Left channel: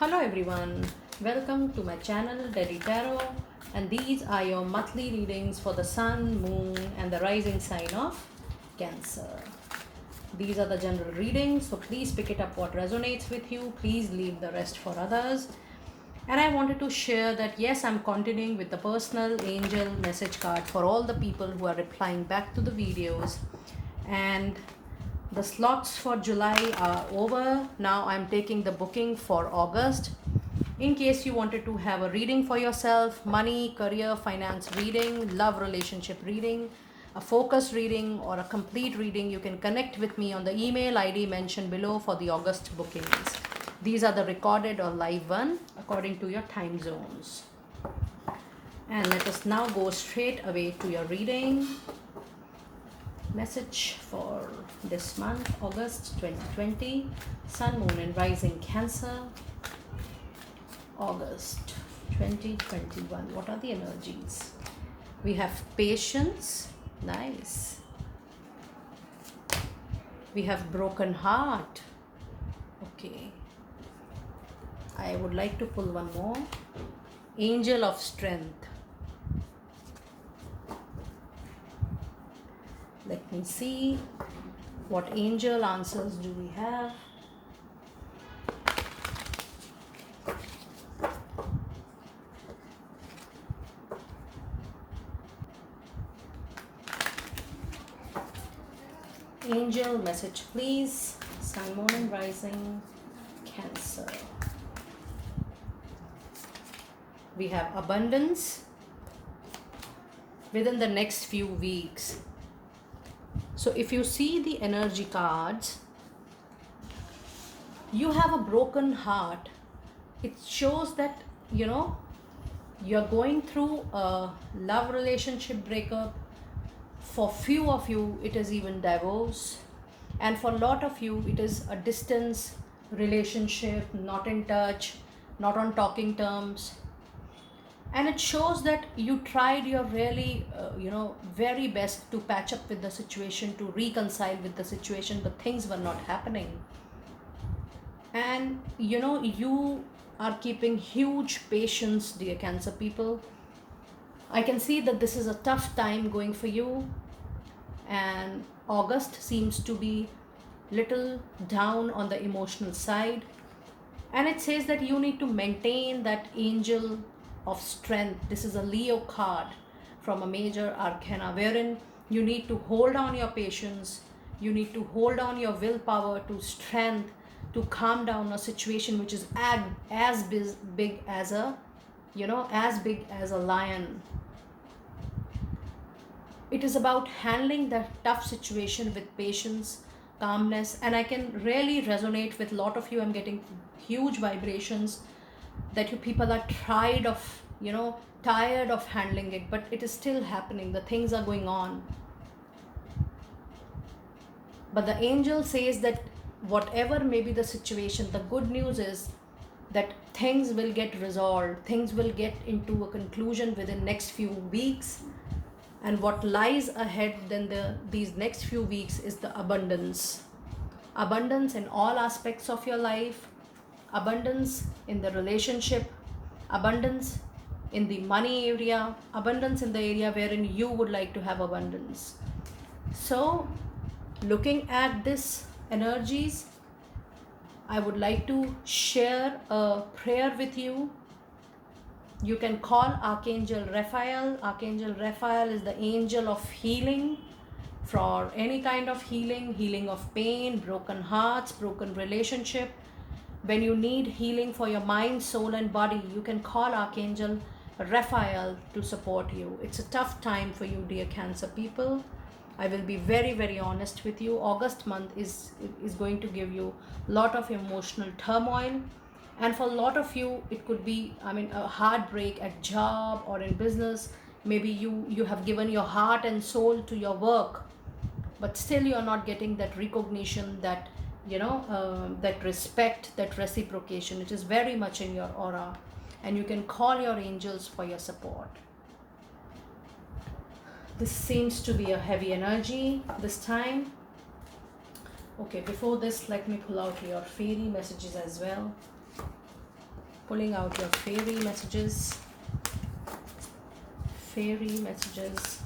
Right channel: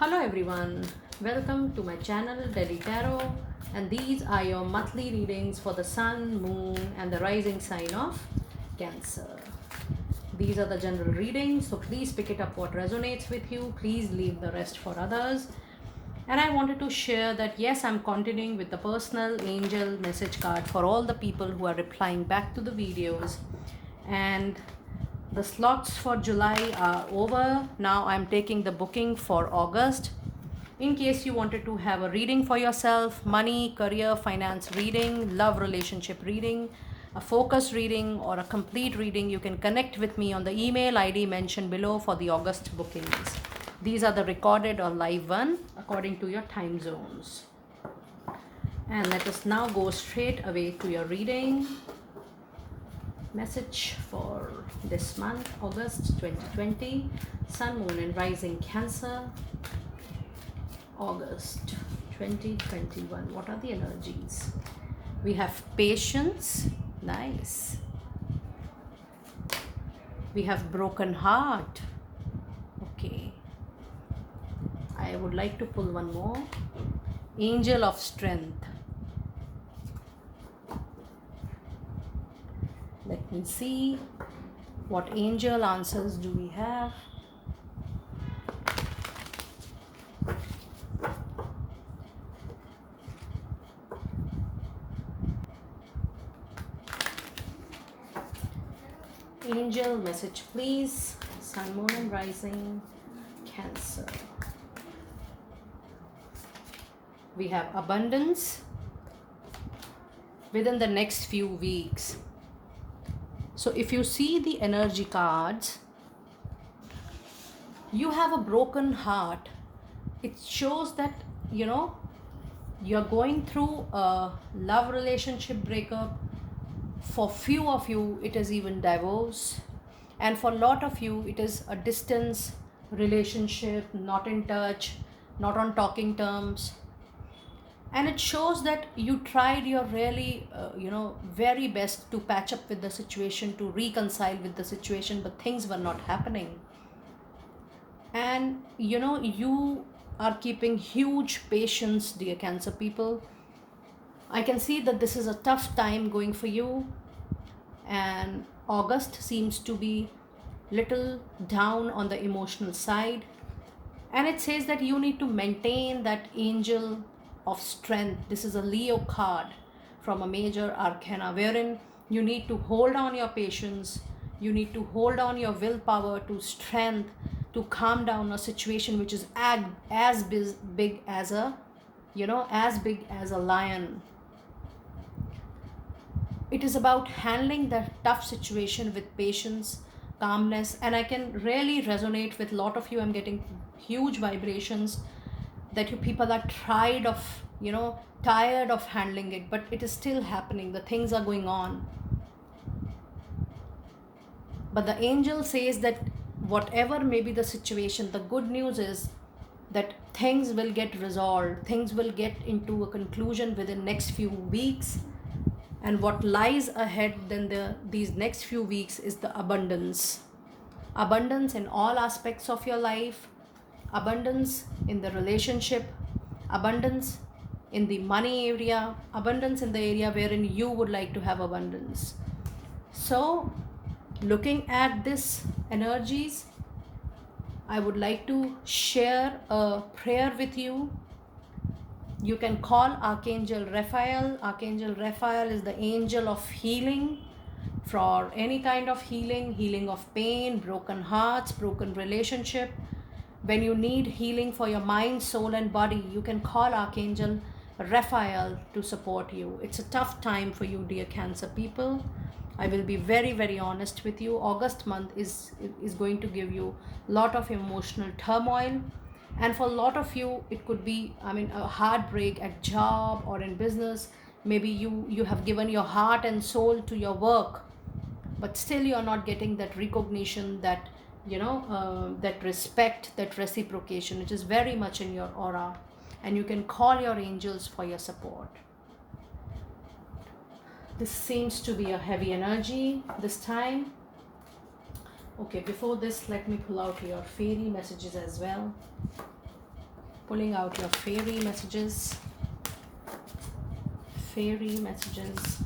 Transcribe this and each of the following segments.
Hello everyone, welcome to my channel Delhi Tarot, and these are your monthly readings for the Sun, Moon and the rising sign of Cancer. These are the general readings, so please pick it up what resonates with you. Please leave the rest for others. And I wanted to share that yes, I'm continuing with the personal angel message card for all the people who are replying back to the videos. And the slots for July are over. Now I'm taking the booking for August. In case you wanted to have a reading for yourself, money, career, finance reading, love relationship reading, a focus reading, or a complete reading, you can connect with me on the email ID mentioned below for the August bookings. These are the recorded or live one according to your time zones. And let us now go straight away to your reading. Message for this month, August 2020, Sun, Moon and Rising Cancer. August 2021. What are the energies? We have patience. Nice. We have broken heart. Okay. I would like to pull one more. Angel of Strength. Let me see what angel answers do we have. Angel message please. Sun, Moon and Rising Cancer. We have abundance within the next few weeks. So if you see the energy cards, you have a broken heart. It shows that, you're going through a love relationship breakup. For few of you, it is even divorce. And for a lot of you, it is a distance relationship, not in touch, not on talking terms. And it shows that you tried your really very best to patch up with the situation, to reconcile with the situation, but things were not happening. And you are keeping huge patience, dear Cancer people. I can see that this is a tough time going for you, and August seems to be little down on the emotional side. And it says that you need to maintain that angel of strength. This is a Leo card from a major arcana, wherein you need to hold on your patience, you need to hold on your willpower to strength to calm down a situation which is as big as a lion. It is about handling that tough situation with patience, calmness, and I can really resonate with a lot of you. I'm getting huge vibrations that you people are tired of handling it, but it is still happening. The things are going on. But the angel says that whatever may be the situation, the good news is that things will get resolved. Things will get into a conclusion within next few weeks. And what lies ahead then these next few weeks is the abundance. Abundance in all aspects of your life. Abundance in the relationship. Abundance in the money area. Abundance in the area wherein you would like to have abundance. So, looking at this energies, I would like to share a prayer with you. You can call Archangel Raphael. Archangel Raphael is the angel of healing, for any kind of healing of pain, broken hearts, broken relationship. When you need healing for your mind, soul and body, you can call Archangel Raphael to support you. It's a tough time for you, dear Cancer people. I will be very, very honest with you. August month is going to give you a lot of emotional turmoil. And for a lot of you, it could be, a heartbreak at job or in business. Maybe you have given your heart and soul to your work, but still you are not getting that recognition, that, that respect, that reciprocation. It is very much in your aura. And you can call your angels for your support. This seems to be a heavy energy this time. Okay, before this, let me pull out your fairy messages as well. Pulling out your fairy messages. Fairy messages.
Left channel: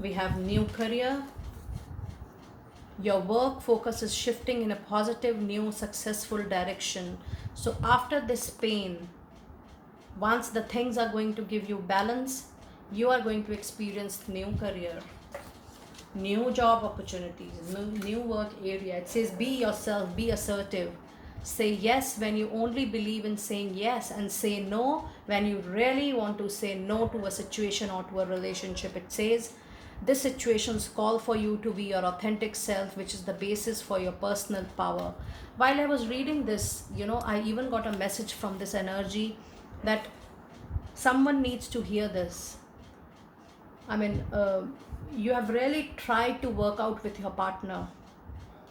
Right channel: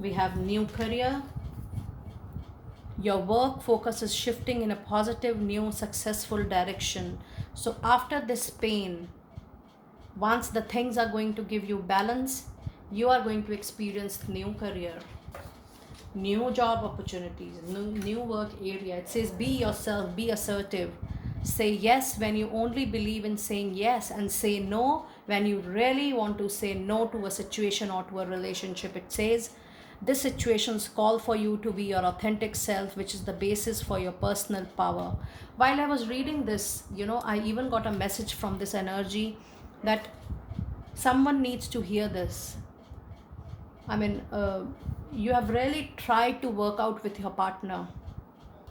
We have new career. Your work focus is shifting in a positive, new, successful direction. So after this pain, once the things are going to give you balance, you are going to experience new career, new job opportunities, new work area. It says be yourself, be assertive. Say yes when you only believe in saying yes, and say no when you really want to say no to a situation or to a relationship. It says this situations call for you to be your authentic self, which is the basis for your personal power. While I was reading this, I even got a message from this energy that someone needs to hear this. I mean, you have really tried to work out with your partner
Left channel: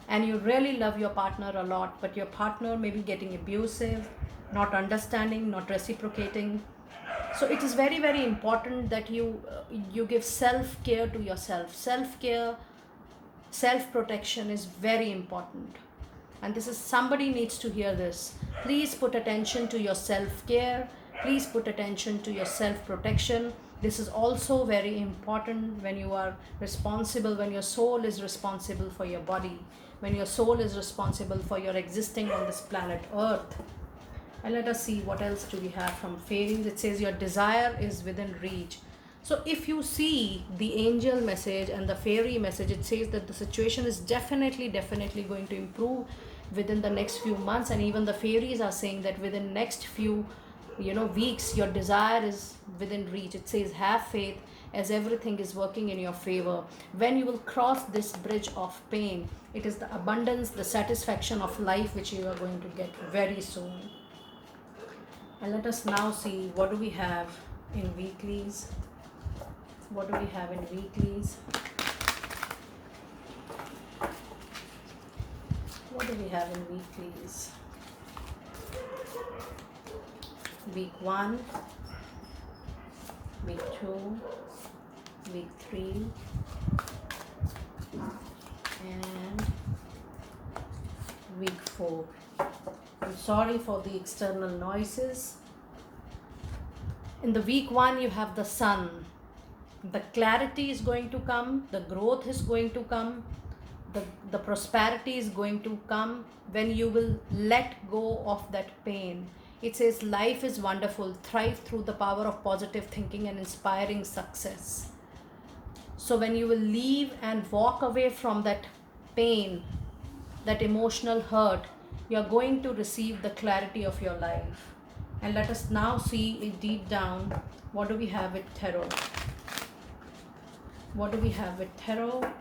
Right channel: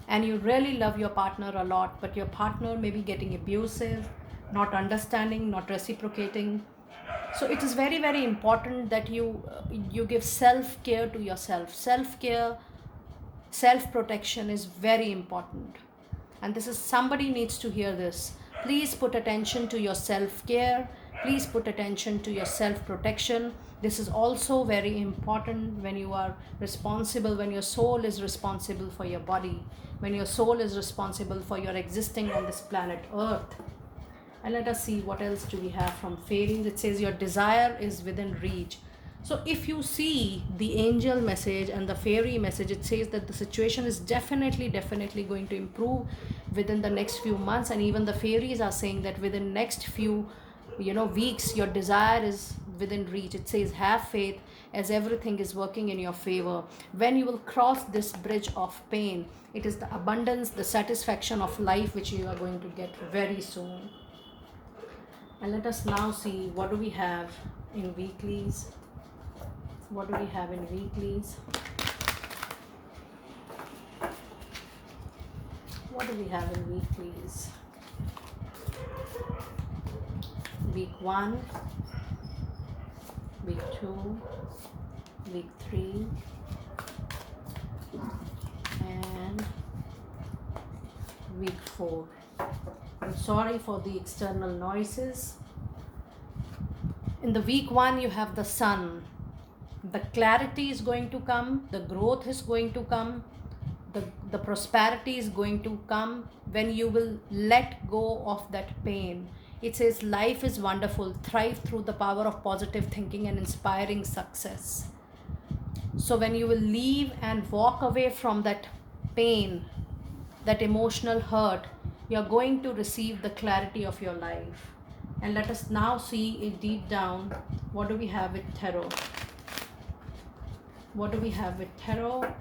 and you really love your partner a lot, but your partner may be getting abusive, not understanding, not reciprocating. So it is very, very important that you give self-care to yourself. Self-care, self-protection is very important. And this is, somebody needs to hear this. Please put attention to your self-care. Please put attention to your self-protection. This is also very important when you are responsible, when your soul is responsible for your body, when your soul is responsible for your existing on this planet Earth. And let us see what else do we have from fairies. It says your desire is within reach. So if you see the angel message and the fairy message, it says that the situation is definitely going to improve within the next few months. And even the fairies are saying that within next few weeks, your desire is within reach. It says have faith, as everything is working in your favor. When you will cross this bridge of pain, it is the abundance, the satisfaction of life which you are going to get very soon. And let us now see what do we have in weeklies. What do we have in weeklies? What do we have in weeklies? Week 1, week 2, week 3, and week 4. I'm sorry for the external noises. In the week 1, you have the sun. The clarity is going to come, the growth is going to come, the prosperity is going to come when you will let go of that pain. It says life is wonderful, thrive through the power of positive thinking and inspiring success. So when you will leave and walk away from that pain, that emotional hurt, you're going to receive the clarity of your life. And let us now see it deep down. What do we have with tarot? What do we have with tarot?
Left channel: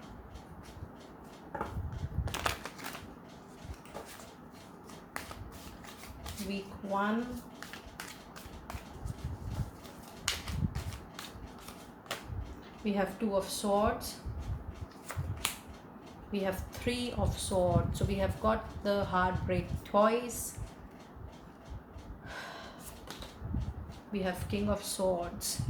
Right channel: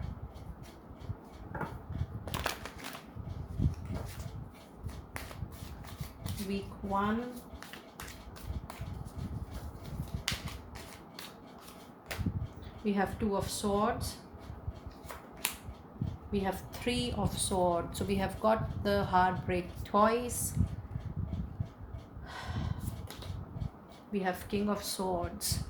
Week 1. We have 2 of Swords. We have 3 of Swords. So we have got the heartbreak twice. We have King of Swords.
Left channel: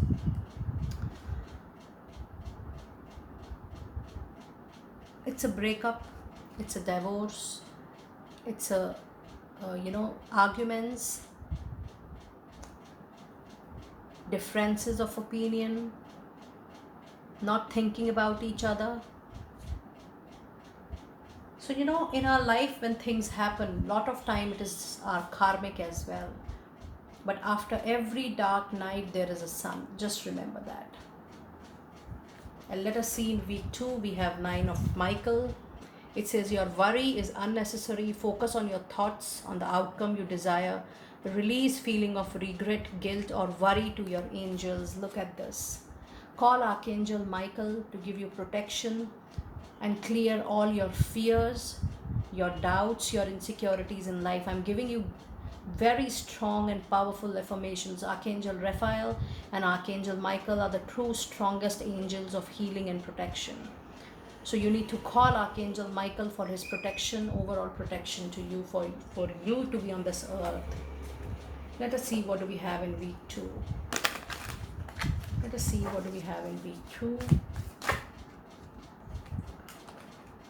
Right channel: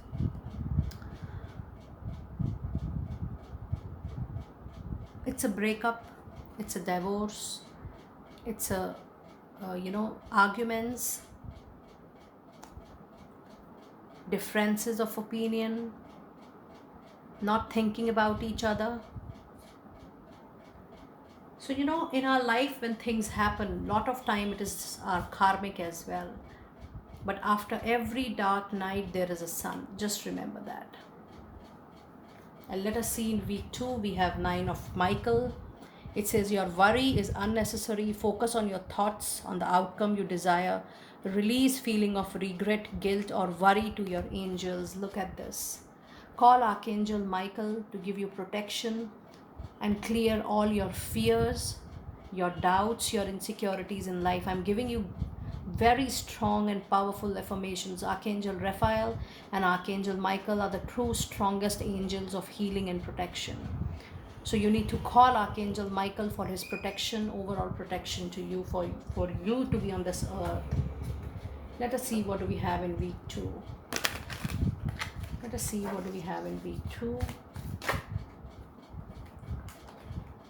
It's a breakup, it's a divorce, it's a arguments, differences of opinion, not thinking about each other. So in our life when things happen, lot of time it is our karmic as well. But after every dark night there is a sun. Just remember that. And let us see in week 2, we have 9 of Michael. It says your worry is unnecessary. Focus on your thoughts, on the outcome you desire. Release feeling of regret, guilt, or worry to your angels. Look at this. Call Archangel Michael to give you protection and clear all your fears, your doubts, your insecurities in life. I'm giving you very strong and powerful affirmations. Archangel Raphael and Archangel Michael are the true strongest angels of healing and protection. So you need to call Archangel Michael for his protection, overall protection to you, for you to be on this earth. Let us see what do we have in week 2. Let us see what do we have in week 2.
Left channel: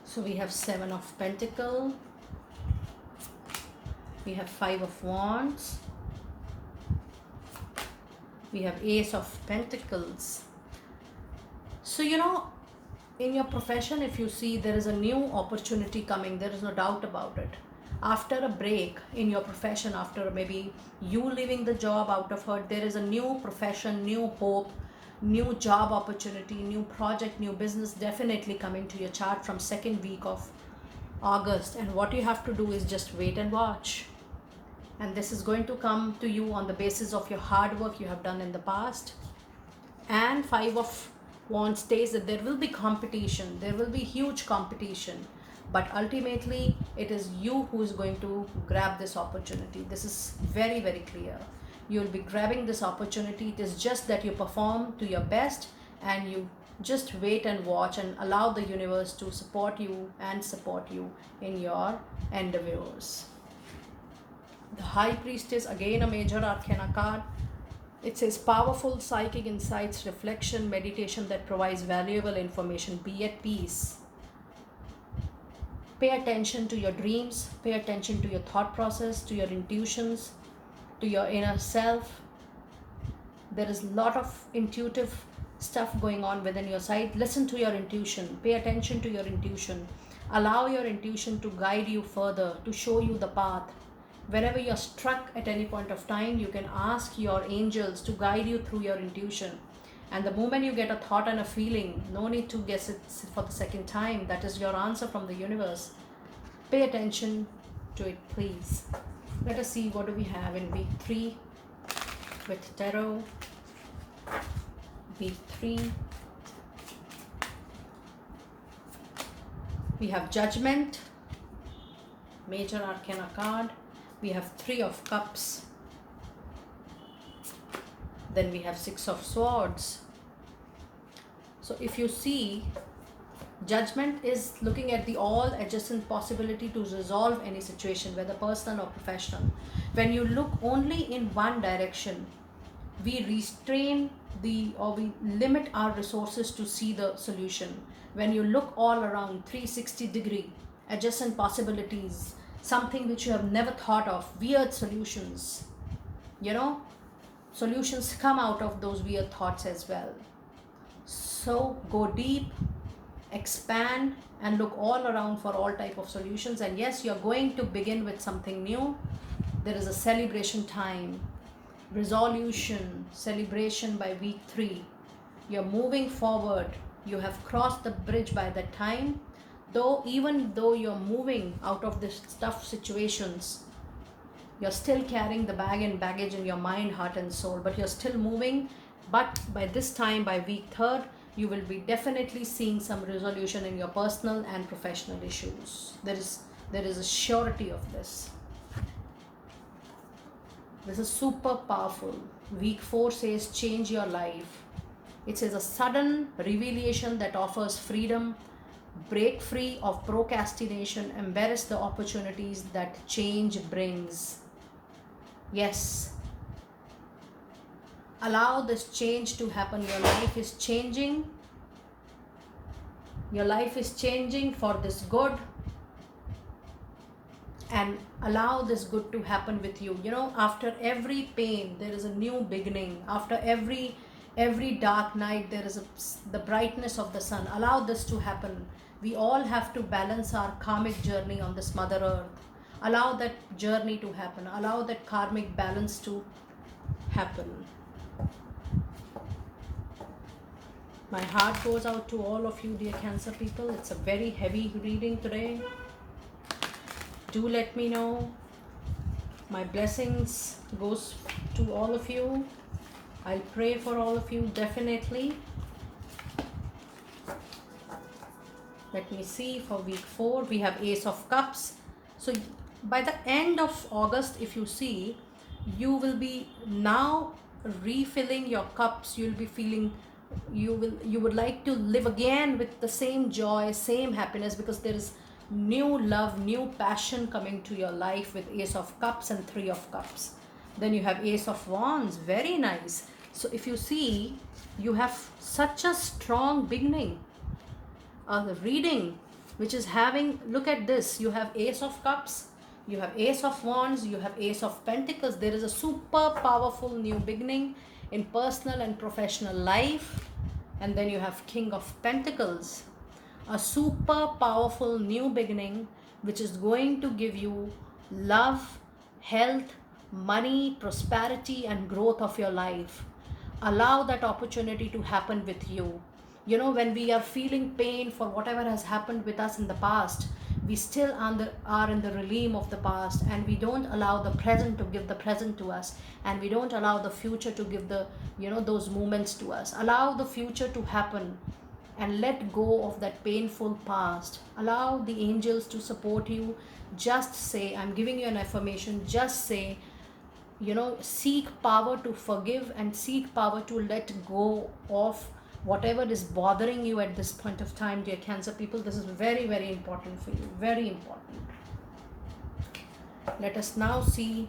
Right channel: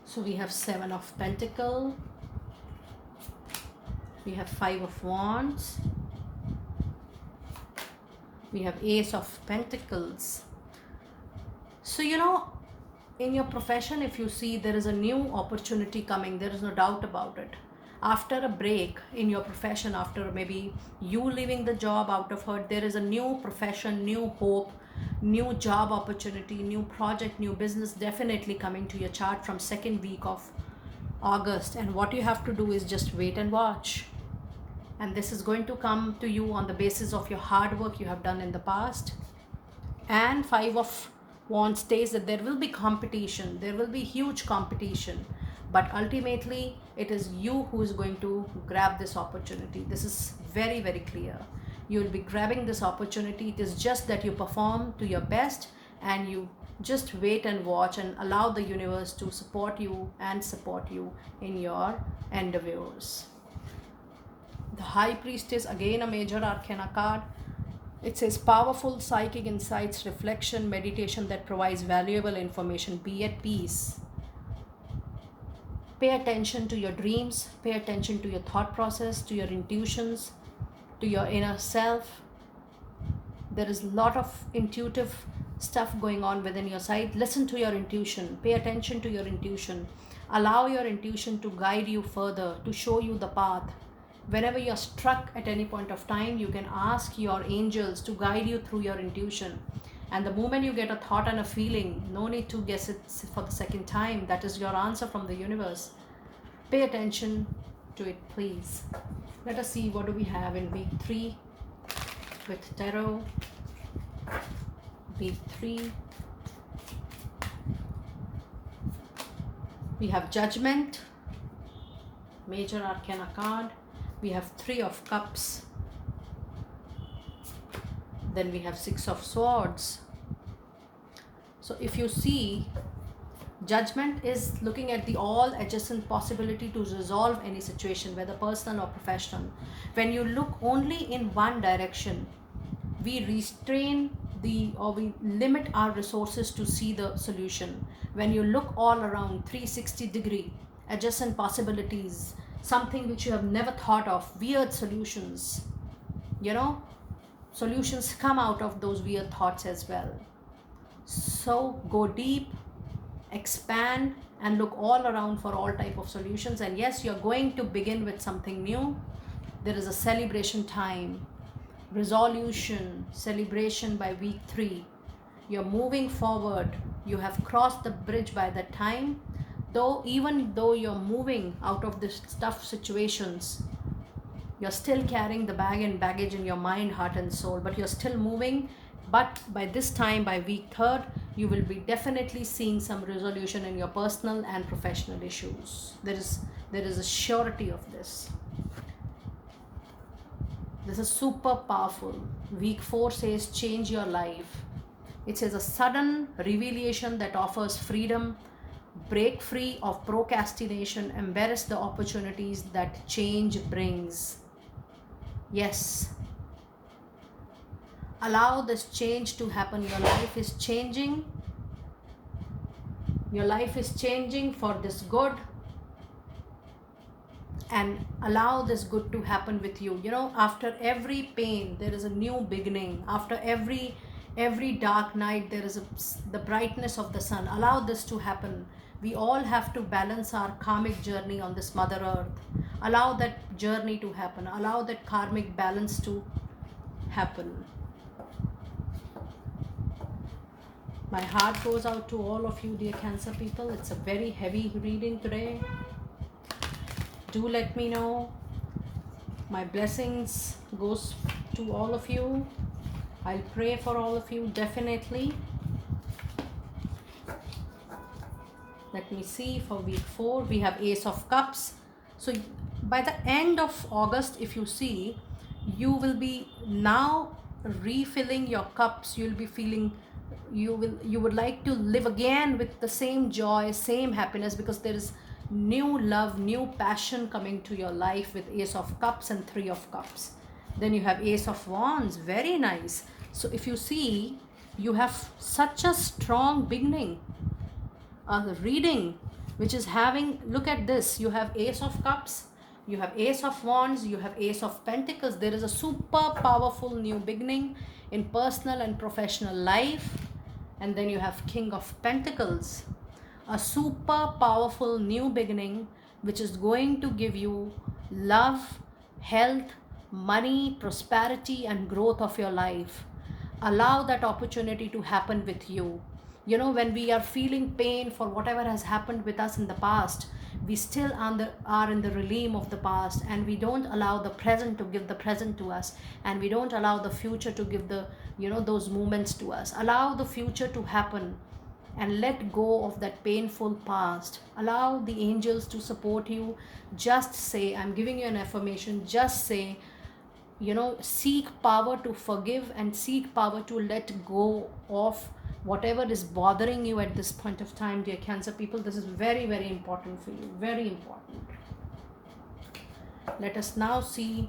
So we have 7 of Pentacles. We have Five of Wands. We have Ace of Pentacles. So, in your profession, if you see, there is a new opportunity coming, there is no doubt about it. After a break in your profession, after maybe you leaving the job out of hurt, there is a new profession, new hope, new job opportunity, new project, new business definitely coming to your chart from second week of August. And what you have to do is just wait and watch. And this is going to come to you on the basis of your hard work you have done in the past. And Five of Wands states that there will be competition, there will be huge competition, but ultimately it is you who is going to grab this opportunity. This is very, very clear. You will be grabbing this opportunity. It is just that you perform to your best and you just wait and watch and allow the universe to support you in your endeavors. The High Priestess, again a major arcana card. It says powerful psychic insights, reflection, meditation that provides valuable information. Be at peace. Pay attention to your dreams. Pay attention to your thought process, to your intuitions, to your inner self. There is a lot of intuitive stuff going on within your side. Listen to your intuition. Pay attention to your intuition. Allow your intuition to guide you further, to show you the path. Whenever you're struck at any point of time, you can ask your angels to guide you through your intuition. And the moment you get a thought and a feeling, no need to guess it for the second time. That is your answer from the universe. Pay attention to it, please. Let us see what do we have in week 3 with tarot. Week 3. We have Judgment, major arcana card. We have Three of Cups. Then we have Six of Swords. So if you see, Judgment is looking at the all adjacent possibility to resolve any situation, whether personal or professional. When you look only in one direction, we restrain we limit our resources to see the solution. When you look all around 360-degree adjacent possibilities, something which you have never thought of, weird solutions, solutions come out of those weird thoughts as well. So go deep, expand, and look all around for all type of solutions. And yes, you're going to begin with something new. There is a celebration time, resolution, celebration by week 3. You're moving forward. You have crossed the bridge by that time. Even though you're moving out of this tough situations, you're still carrying the bag and baggage in your mind, heart and soul, but you're still moving. But by this time, by week 3rd, you will be definitely seeing some resolution in your personal and professional issues. There is a surety of this. This is super powerful. Week 4 says change your life. It says a sudden revelation that offers freedom. Break free of procrastination. Embrace the opportunities that change brings. Yes. Allow this change to happen. Your life is changing. Your life is changing for this good. And allow this good to happen with you. After every pain, there is a new beginning. After every dark night, there is the brightness of the sun. Allow this to happen. We all have to balance our karmic journey on this Mother Earth. Allow that journey to happen. Allow that karmic balance to happen. My heart goes out to all of you, dear Cancer people. It's a very heavy reading today. Do let me know. My blessings goes to all of you. I'll pray for all of you, definitely. Let me see, for week 4, we have Ace of Cups. So by the end of August, if you see, you will be now refilling your cups. You'll be feeling, you would like to live again with the same joy, same happiness, because there is new love, new passion coming to your life with Ace of Cups and Three of Cups. Then you have Ace of Wands, very nice. So if you see, you have such a strong beginning of the reading, which is having, look at this, you have Ace of Cups, You have Ace of Wands, you have Ace of Pentacles. There is a super powerful new beginning in personal and professional life. And then you have King of Pentacles, a super powerful new beginning which is going to give you love, health, money, prosperity, and growth of your life. Allow that opportunity to happen with you. You know, when we are feeling pain for whatever has happened with us in the past, we still are in the realm of the past, and we don't allow the present to give the present to us, and we don't allow the future to give the, you know, those moments to us. Allow the future to happen and let go of that painful past. Allow the angels to support you. Just say, I'm giving you an affirmation, just say, you know, seek power to forgive and seek power to let go of whatever is bothering you at this point of time, dear Cancer people. This is very, very important for you. Very important. Let us now see.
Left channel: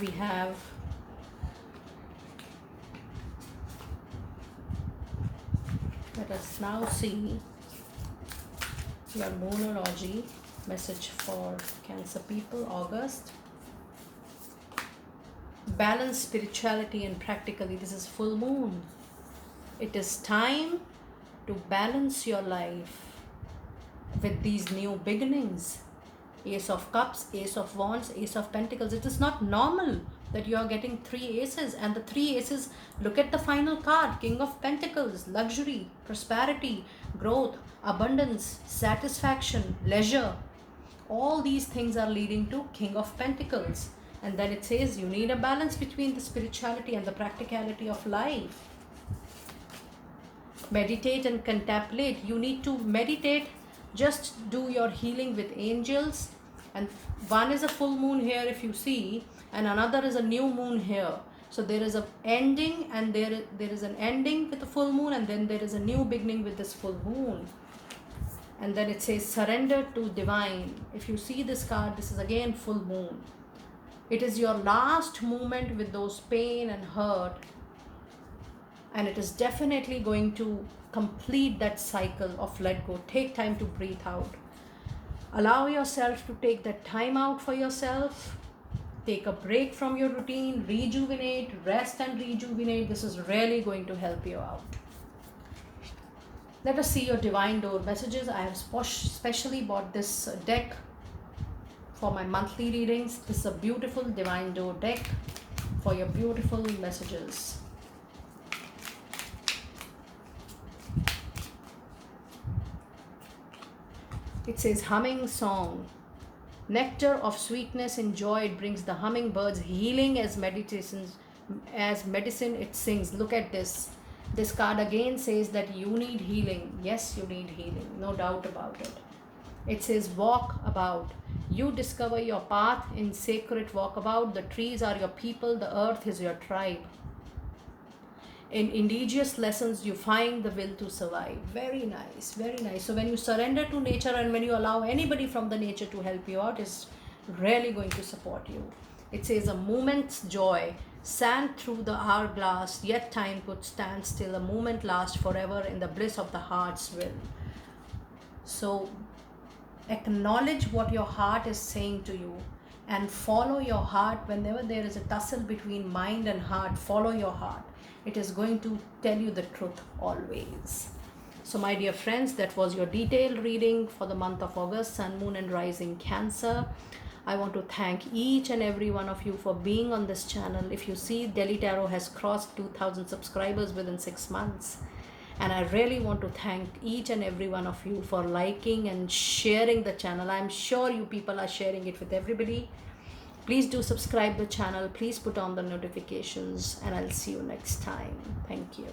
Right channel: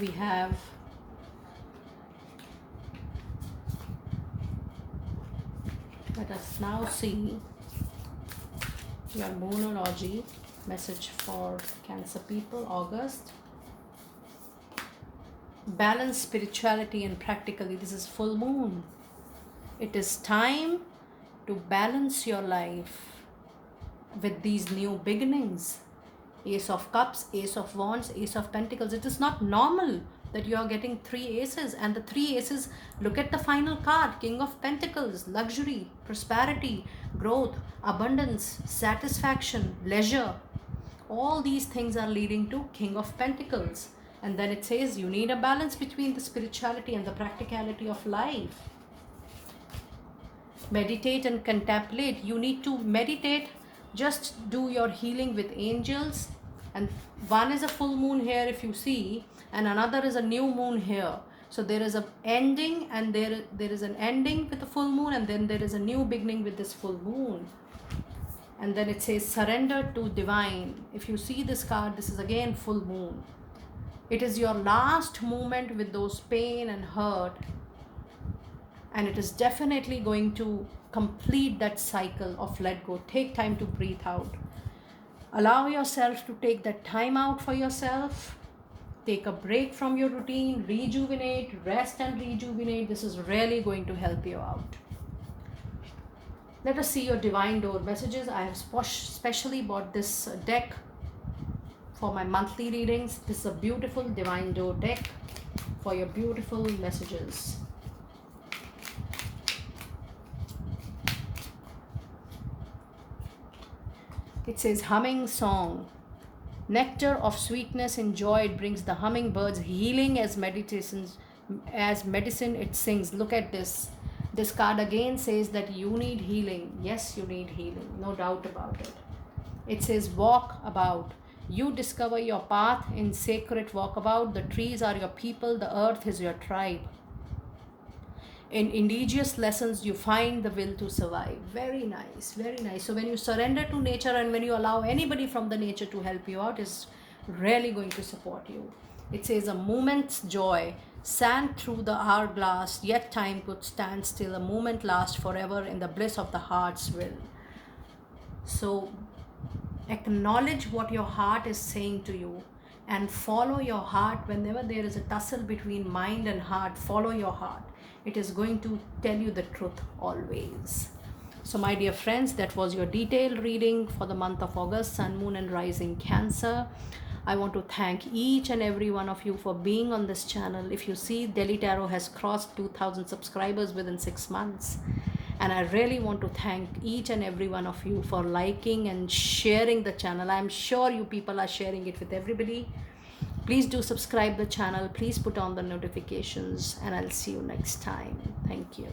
We have let us now see your Moonology message for Cancer people, August. Balance spirituality and practically. This is full moon. It is time to balance your life with these new beginnings. Ace of Cups, Ace of Wands, Ace of Pentacles. It is not normal that you are getting 3 aces, and the 3 aces, look at the final card. King of Pentacles, luxury, prosperity, growth, abundance, satisfaction, leisure. All these things are leading to King of Pentacles. And then it says you need a balance between the spirituality and the practicality of life. Meditate and contemplate. You need to meditate. Just do your healing with angels. And one is a full moon here, if you see, and another is a new moon here. So there is a ending, and there is an ending with the full moon, and then there is a new beginning with this full moon. And then it says surrender to divine. If you see this card, this is again full moon. It is your last moment with those pain and hurt, and it is definitely going to complete that cycle of let go. Take time to breathe out. Allow yourself to take that time out for yourself. Take a break from your routine, rejuvenate, rest and rejuvenate. This is really going to help you out. Let us see your Divine Door messages. I have specially bought this deck for my monthly readings. This is a beautiful Divine Door deck for your beautiful messages. It says humming song. Nectar of sweetness and joy, it brings the hummingbirds. Healing as medicine it sings. Look at this. This card again says that you need healing. Yes, you need healing, no doubt about it. It says walk about. You discover your path in sacred walkabout. The trees are your people, the earth is your tribe. In indigenous lessons, you find the will to survive. Very nice, very nice. So when you surrender to nature and when you allow anybody from the nature to help you out, is really going to support you. It says a moment's joy, sand through the hourglass, yet time could stand still. A moment lasts forever in the bliss of the heart's will. So acknowledge what your heart is saying to you and follow your heart. Whenever there is a tussle between mind and heart, follow your heart. It is going to tell you the truth always. So my dear friends, that was your detailed reading for the month of August, Sun, Moon and Rising Cancer. I want to thank each and every one of you for being on this channel. If you see, Delhi Tarot has crossed 2,000 subscribers within 6 months. And I really want to thank each and every one of you for liking and sharing the channel. I'm sure you people are sharing it with everybody. Please do subscribe the channel. Please put on the notifications, and I'll see you next time. Thank you.